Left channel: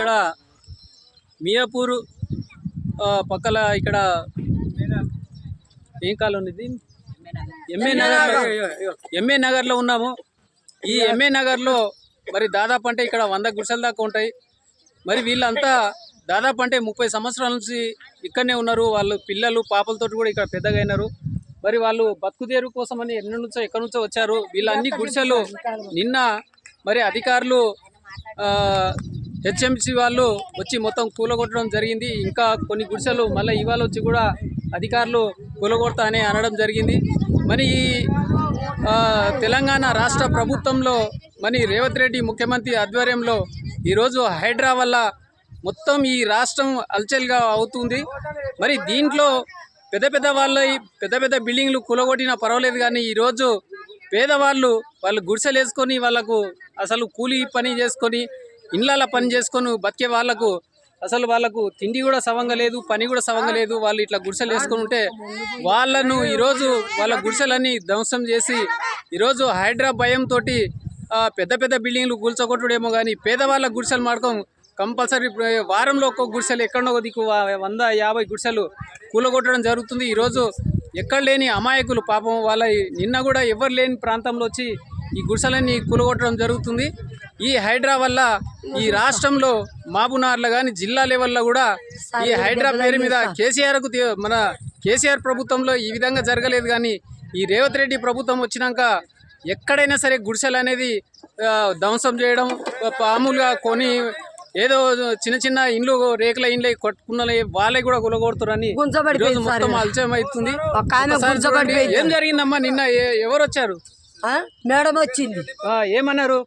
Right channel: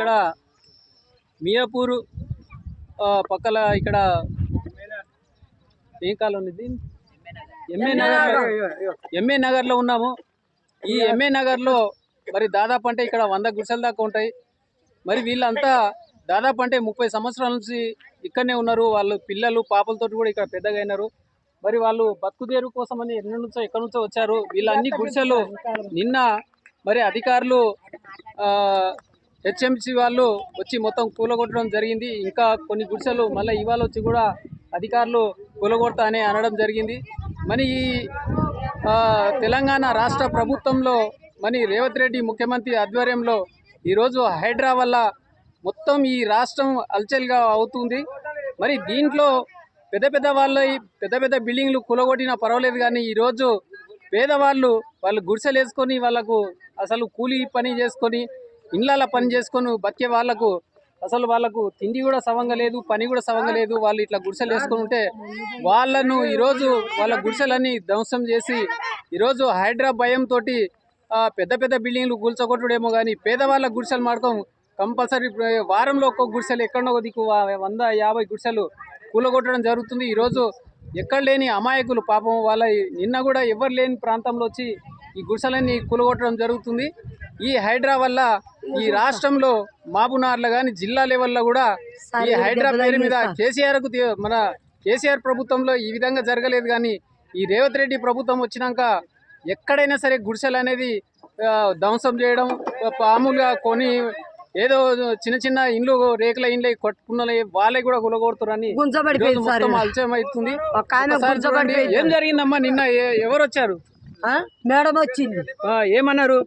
ఇక్కడ మియాపూర్ పక్కల ఇక్కడ ఏం కాలనీ ఇది ఎంఏ నగర్లో ఉన్నాము. ఈ ఎంఏ నగర్లో మరి దాదాపు అంటే ఇక్కడ 100 గుడిసెల దాకా ఉంటాయి. మరి వీళ్ళంతా దాదాపు అంటే 30 సంవత్సరాల నుంచి ఇక్కడనే ఉన్నారు. వాళ్ళు పిల్లలు పాపలతో కూడా ఇక్కడ పెద్దగా అయినారు. మరి వాళ్ళు బతుకుదేరు కోసం అని ఎక్కడి నుంచో వచ్చారు. వీళ్ళ అన్ని గుడిసెలు నిన్న మరి అధికారులు హెచ్ఎంసి వాళ్ళు వచ్చి మొత్తం కూలగొట్టడం జరిగింది. ఇంకా కొన్ని గుడిసెలు మళ్ళీ ఇవాళ వచ్చి కూడా అధికారులు కూలగొడతా అని అనడం జరిగింది. మరి ఈ తెలంగాణ రాష్ట్ర ప్రభుత్వంలో మరి రేవంత్ రెడ్డి ముఖ్యమంత్రి ఆధ్వర్యంలో ఈరోజు హైడ్రా వల్ల మొత్తం ఈ రాష్ట్రం అల్చల్గా అవుతుంది. మరి దీంట్లో పెద్ద పెద్ద బిల్డింగ్లు కూలగొట్టినా పర్వాలేదు, కానీ ఈరోజు పేదవాళ్ళు గుడిసెలు వేసుకొని వాళ్ళకు అసలు కూలీ పని చేసుకొని ఇండ్ల పని చేసుకొని బతికే వాళ్ళకు తిండి కూడా సవంగా లేదు, పని కూడా సవంగా లేదు. వాళ్ళు ఇట్లా గుడిసెలు వేసుకొని ఉంటే వాళ్ళను ఈరోజు వాళ్ళ గుడిసెలన్నీ ధ్వంసం చేసి ఈరోజు హైడ్రా భయంతో పెద్ద బిల్డింగ్లు కూల్చొట్టుడేమో, కానీ పేదవాళ్ళ గుడిసెలు మాడకం కంపల్సరీ వారంలో ఒక్కొక్క గుడిసెలు ఎక్కడో దిక్కు 150 గుడిసెలు కూలగొట్టడం జరుగుతుంది. ఈరోజు ఎక్కడ లేని అమాయకులు పాపం వాళ్ళ నిన్న కూడా ఎవరు లేని ప్రాంతంలో వచ్చి ఈ గుడిసెలన్నీ కూలగొట్టడం జరుగుతుంది. ఈ హైడ్రా వల్ల ఈ రాష్ట్రంలో మాబునార్లో కానీ జిల్లా లెవెల్లో కూడా ఈ హైడ్రా పేరు మీద మన కేసీఆర్ ప్రభుత్వంలో ఈ విధంగా జరగలేదు, కానీ ఈ రేవంత్ రెడ్డి ప్రభుత్వం వచ్చినాక ఎక్కడైనా సరే గుడిసెలు అనేది ధ్వంసం చేయడం, మామూలుగా కొని ఏదో చిన్న ఇండ్లు రేకుల ఇండ్లు కొట్టుకున్న వాళ్ళే కూడా కూలగొడుతారని మొత్తం అలసయం అవుతుంది. చూడండి ఏం జరిగిందమ్మా. నిన్న ఎవరు వచ్చారు? మేడం వచ్చింది. ఏమన్నారు?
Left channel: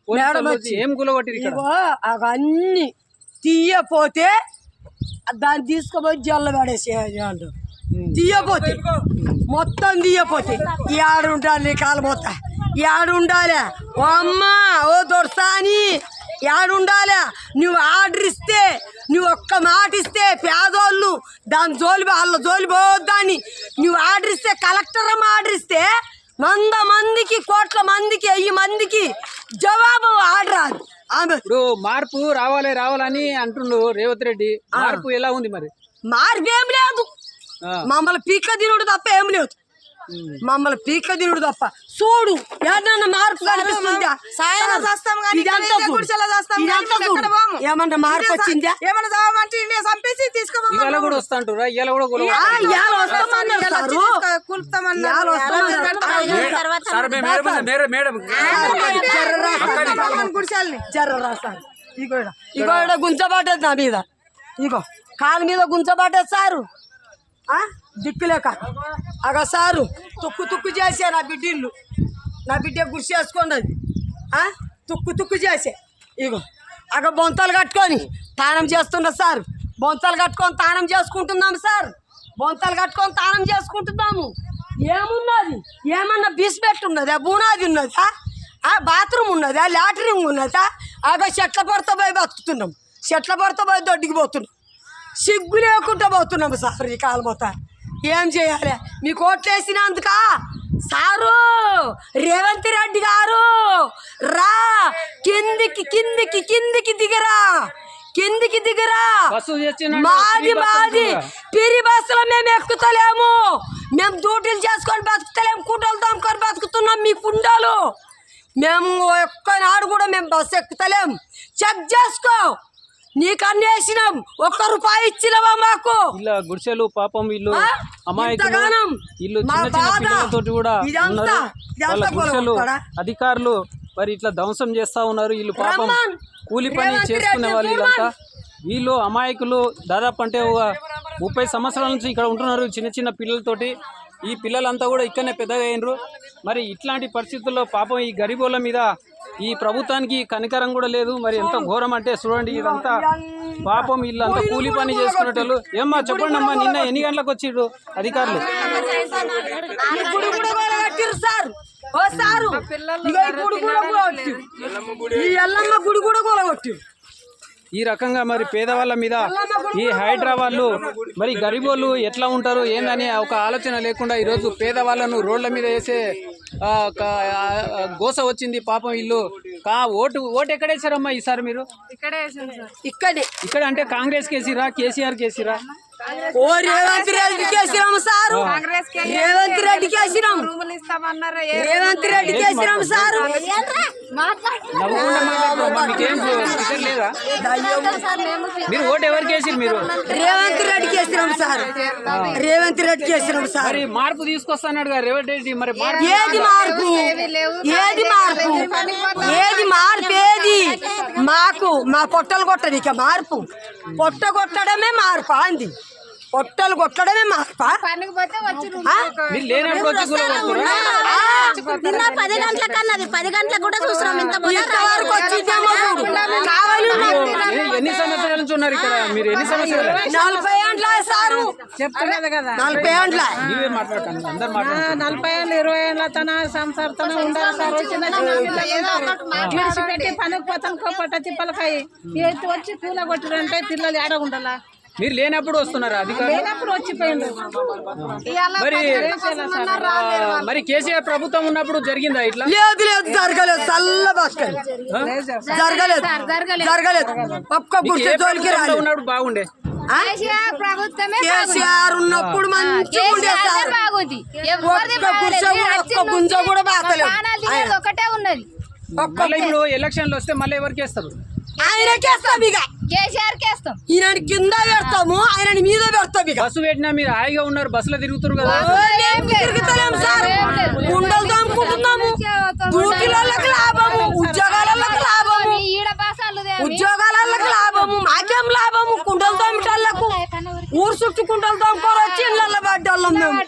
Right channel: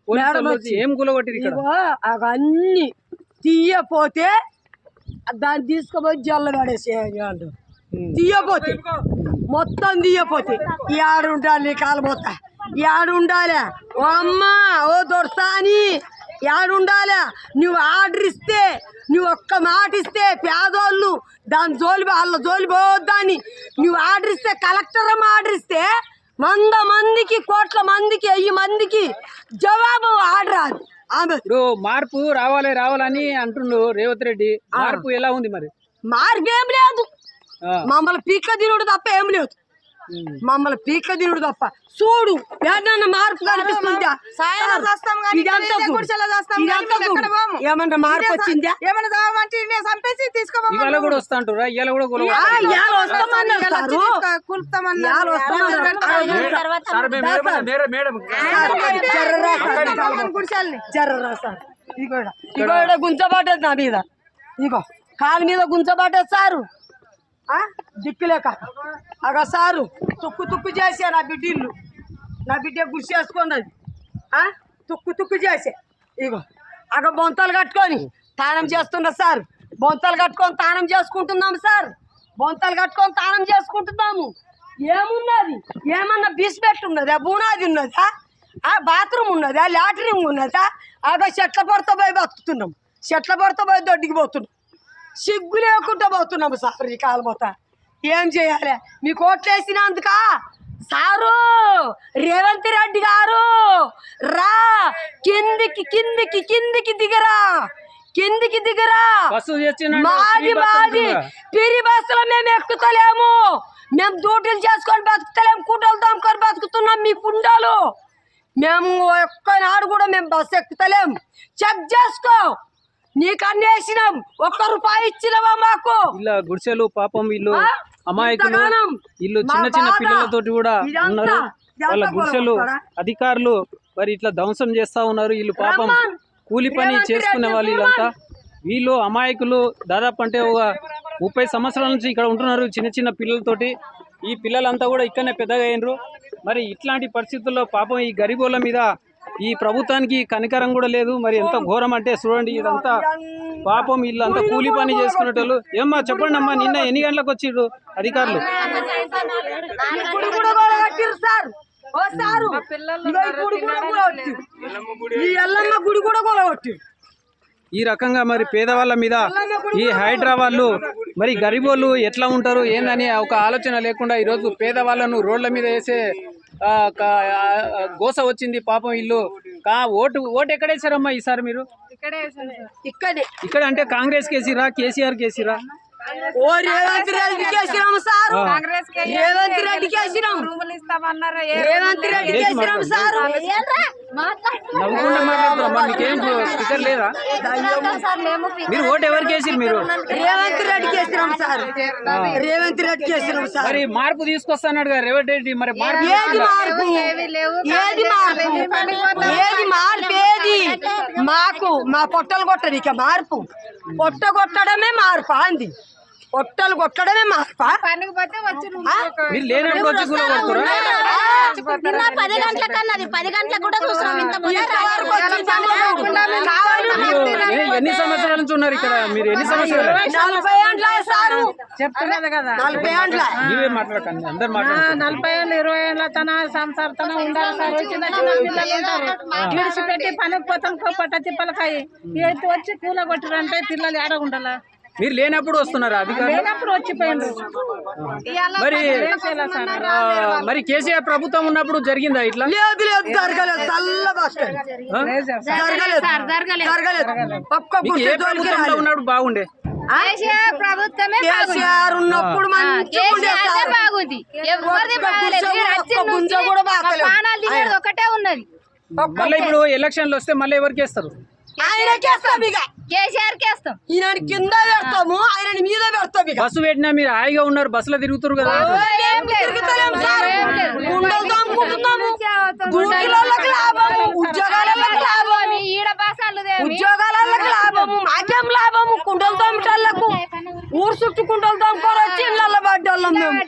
ఏం కూలగొట్టిరు? ఇక్కడ అవన్నీ తీయపోతే దాన్ని తీసుకుపోయి జల్ల పడేసేయాలి. తీయపోతే మొత్తం తీయపోతే ఏడుండాలి కాలపోతా ఏడుండాలి. ఓ అమ్మా ఓ దొరసాని ఏడుండాలి. నువ్వు ఆర్డర్ ఇస్తే, నువ్వు ఒక్క మాట ఇస్తే పేదోళ్ళు దాని వాళ్ళ జోలి పోవద్దని నువ్వు ఆర్డర్ ఇస్తే, కలెక్టర్ ఆర్డర్ ఇస్తే 100 మందికి, కోట్ల మందికి, 1000 మందికి జవాబు ఆర్డర్. ఇప్పుడు మార్పు రావాలని అంటుండు రేవంత్ రెడ్డి. మార్పు ఎలా ఉంది? మరి మార్పు ఏం లేదు. మమ్మల్ని పీక్క తినుడు తప్ప ఏం లేదు. మమ్మల్ని పీక్క తినుడు తప్ప. చూడు ఏమన్నా మార్పు కనిపిస్తుందా? ఏమన్నా మార్పు వచ్చిందా? ఇగో గుంచబాటేది నా మీద, ఇగో కాలు మీద గుంచబాటేది సారు. దిక్కులేక అగ సారు తుక్కు చేశారు. నా బిడ్డ గుడి చేసుకోండి. అది తుక్కు చేసే. ఇగో అగ బొంతలు కట్టుకొని తానం చేస్తున్నా సార్. బొంతలు కట్టుకొని తానం చేసుకుంటున్నాము సార్. బొంతలు కట్టుకొని తానం చేసుకుంటున్నాము. ఏమున్నది? ఏమన్నా బిస్బెట్ ఉన్నదా? బూనాది ఉన్నదా? బాత్రూమ్ ఉన్నదా? లాట్రిన్ ఉన్నదా? అగ చెట్ల పడతా పోయి బతుకుతున్నాం. చెట్ల పడతా పోయి దొడ్డికి పోతున్నాం. సిగ్గు లేకుండా పోతున్నాము సార్. ఈ కాలపోతా ఏం చేయాలి? మీకు ఓట్లేసినందుక సారు రేవంత్ రెడ్డి గారు రా కిందికి దిగరా. మాది పిరి బస్సులో మేము ఎక్కుతలేము. మేము డ్యూటీలు చేసుకొని బతుకుతలేము. కుండలు తోముకొని బతుకుతున్నాం. మీ కుండలు మేము ఒక్కనాడు కూడా మేము బస్సు ఎక్కుతలేము. చెక్ చేసుకో. నీకు అన్నేసినాం. 1 రూపాయి ఇచ్చినవా మాకు? ఇలా గుడిసెలు పాపం వీళ్ళు అమాయకులు, వీళ్ళు చిన్న పిల్లలతో కూడా ఉన్నారు. వాళ్ళ గుడిసెలు అధికారులు మరి ఇట్లా ధ్వంసం చేస్తా ఉన్నారు. వీళ్ళు పాపం కూలి పని చేసుకునే వాళ్ళు వీళ్ళంతా. వీళ్ళు అమాయకులు. దాదాపు అంటే ఒక 30 సంవత్సరాల నుంచి ఇక్కడ ఉంటున్నారు చిన్న పిల్లలతోటి. ఈ పిల్లలంతా కూడా ఇక్కడనే పెద్దగా అయినరు. మరి ఇట్లాంటి పరిస్థితుల్లో పాపం ఈ గరీబోళ్ళ మీద ఈ ప్రభుత్వానికి కనికరం కూడా లేదు. మరి ఎంత ఘోరం అంటే చూడండి. ఇదంతా పాపం వీళ్ళంతా కూలి పని చేసుకునేటోళ్ళు. ఏమ్మా చెప్పండి అమ్మా, నిన్న ఎన్ని గంటలకు వచ్చిర్రు అధికారులు? ఈ రకంగా మరి పేదవాళ్ళ మీద ఈ హైడ్రా వాళ్ళు మరి గరీబోళ్ళు ఎట్లా ఉంటారు ఏందని ఒక ఆలోచన లేకుండా ఈరోజు పేదవాళ్ళను రోడ్ల మీద వేసే గోస వచ్చింది పాపం ఇల్లు ఓటు ఎక్కడ వేసారమ్మా ఈసారి మీరు? ఇక్కడే ఇక్కడ అంటే కాంగ్రెస్ కేసిరా కేసీఆర్ కేసిరా? ఓ రేవంత్ రెడ్డికి వేసినాము సారు, రేవంత్ రెడ్డికి వేసినాము, రేవంత్ రెడ్డికి వేసినాము సారు. నవ్వకుండా మాట్లాడుతున్నామ్మా, మీకేం ఫికర్ లేదా? మీరు ఓటు ఎవరికి వేసిరు మీరు? రేవంత్ రెడ్డికి వేసినాము సార్, రేవంత్ రెడ్డికి వేసినాము సార్. మరి మార్పు తీసుకొస్తాడు కదా రేవంత్ రెడ్డి, మరి మార్పు ఏది మార్పు, ఏది మార్పు, ఏది మార్పు, ఏది మాకు మా పొట్టలు కొట్టడానికి మార్పు, పొట్ట కొట్టడమే మార్పా అంది, పొట్టలు కొట్టడమే మార్పా? మీరు లేనప్పుడు వచ్చి కూలగొడుతురా? నిన్న 10 గంటలకు అన్నది, 10 గంటలకు కూడా చూసినాం. ఇంత ఎన్ని సంవత్సరాల నుంచి ఉన్నారు ఇక్కడ మీరు? ఎన్ని సంవత్సరాలు? 40 ఏండ్ల సారు చెప్తున్నది కదా, 40 ఏండ్ల. నీవే మాట్లాడతాను, అందరు మాట్లాడుతున్నారు. 40 ఏళ్ళు 20 ఏళ్ళ తన సంసారతన ఉండాలి సార్. చిన్న చిన్న పిల్లలు ఉంటారు, విడిచిపెట్టి పనికి పోతాను కోపట్ట తిప్పలకాయ ఎత్తు వచ్చి కూల కొట్టిరంటే పిల్లలు ఏడ ఉండాలా? మీరు లేనప్పుడు వస్తున్నారా అధికారులు? లేనప్పుడు వచ్చిపోయింది. మరి కేసీఆర్ ప్రభుత్వం ఉన్నప్పుడు జరిగిందా ఇట్లా? లేదు లేదు, జరగలేదు, చల్ల భాస్కర్ జరగలేదు, జరగలేదు. ఒక్క మీకు గుర్తు ఏ జోలికి ప్రభుత్వంలో రాలేదు. ఉన్నప్పుడు బాగుండే? కేసీఆర్ ఉన్నప్పుడు బాగుంది, ఒక్క గుంజ కూడా బాగలేదు. ఒకటే ఉన్నది. మళ్ళీ ఇప్పుడు ఎలక్షన్లు వస్తే మళ్ళీ ఎవరికి వేస్తారు? ఆయనకేస్తాం ఇక, కేసీఆర్ కేస్తాం. ఈయన కింద పెడతాము, ఆయన మీద పెడతాం ఇక. బస్సు పెట్టినా మీరు హాయిగా ఉన్నారు, బస్సులో తిరుగుతారు కదా. తిరుగుతలేము సార్, గుండెలు దమ్ముకుంటున్నాము, డ్యూటీలకు లాభము, ఉద్యోగాలకు లాభము, ఉద్యోగాలకు లాభము, మాకేం లాభము? కుండలు తోమిటోళ్లకు ఊరు చుట్టూ కుండలు తోముకొని వచ్చి ఇళ్ళల్లో పడ్డోళ్ళం మేము.